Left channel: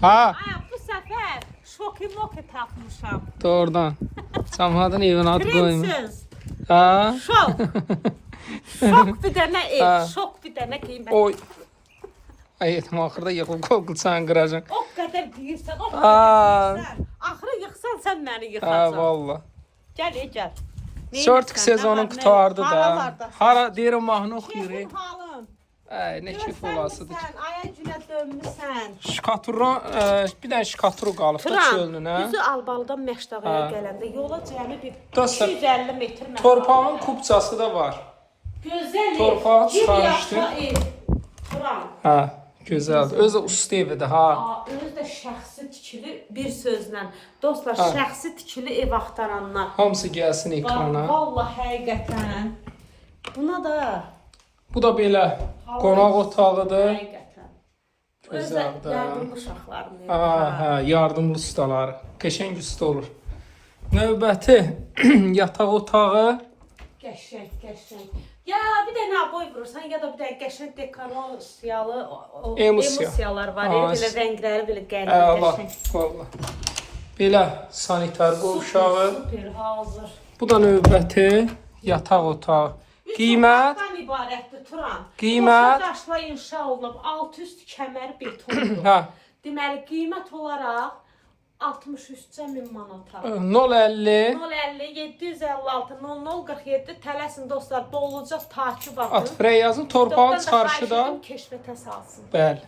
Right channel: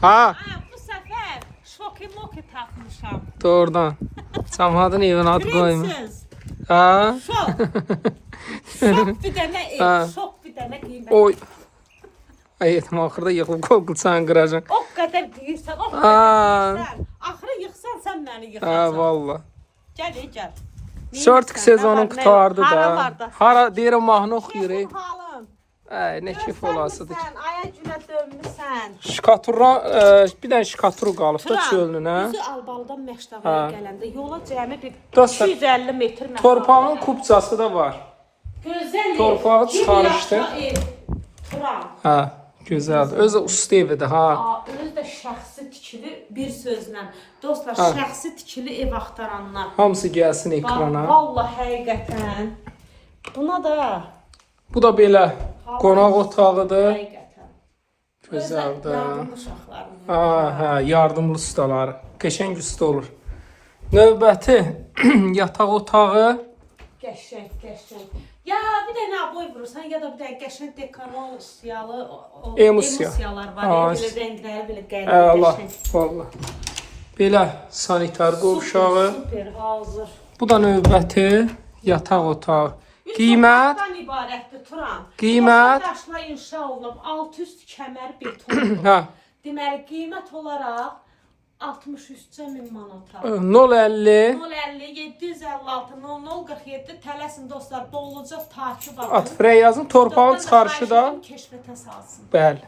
Ha, Bu səfər şoki-moki tapmışam. doğrudan. Cəmaatın evine adı koymuş. Prinses. Ha. Şok. Şok bir dənə ev, Ha. şok bir dənə qiymət. Oy. Ay etmə axırda yıxılıb qolqulçanı qıracaq. O qədər yeyirsən, o qədər yeyirsən. Axırı yıxsan sən məni Ha, yıxacaq. valla. Gəl, gəl. Sörtük sezonu qutardı da. Hara deyirəm mahnı oxuyuruq. Halın. Nə kif olasıdır. Sən aya günə dönmüsən. Şikaturla, bir dənə şikaturu qalıb da Turan, çölünə. bizi Albalıdan Məşdağaya Ha. gələndə yola cəmi bir Dostlar, 250 metr məsafə. Torpağın kupçası da var. Gözəl ev. Torpağı Kim çıxarmışdı. yaşa ev? Turan. Ha, gözəl. Öz usta evidir ha. Özü də şəxsi tikili bir sözlə. Dostlar, Ha. şəxsi tikili ev axtaranlar. Hamısı gəlsin ekrana. Vallahi həqiqətən. Buna da Bu da belə qonaq otağıdır. həqiqətən. Özü Gözəldir. yardımlı uşaqların evi. Hə, yardımlı ustaları. Qəşəng usta olur. Növbəti yataq otağı. Qəşəng, qəşəng. Ya bir də nə boy vurursan ya da bir də qəşəng dekorasiyalı emosiyalar var. Ha, Belə rəngləri belə qəribə Allah, qəşəng. vallahi. Belə sanitar qovşağı. Super, hazır. Bu da növbəti yataq otağı. Qiymət Otaqdan ibarətdir Turan. Qiymət? Daşla inşa olunub, alt üst kəmər betondur. hə Deməli qiymət olaraq 63 min manata. 050 050 756 0047 tələsin dostlar, dolacaq takip at baxın. frey yazın torpağı Doktor da xahiş çarşıda. edirəm, keşfətə salsın. Bəli.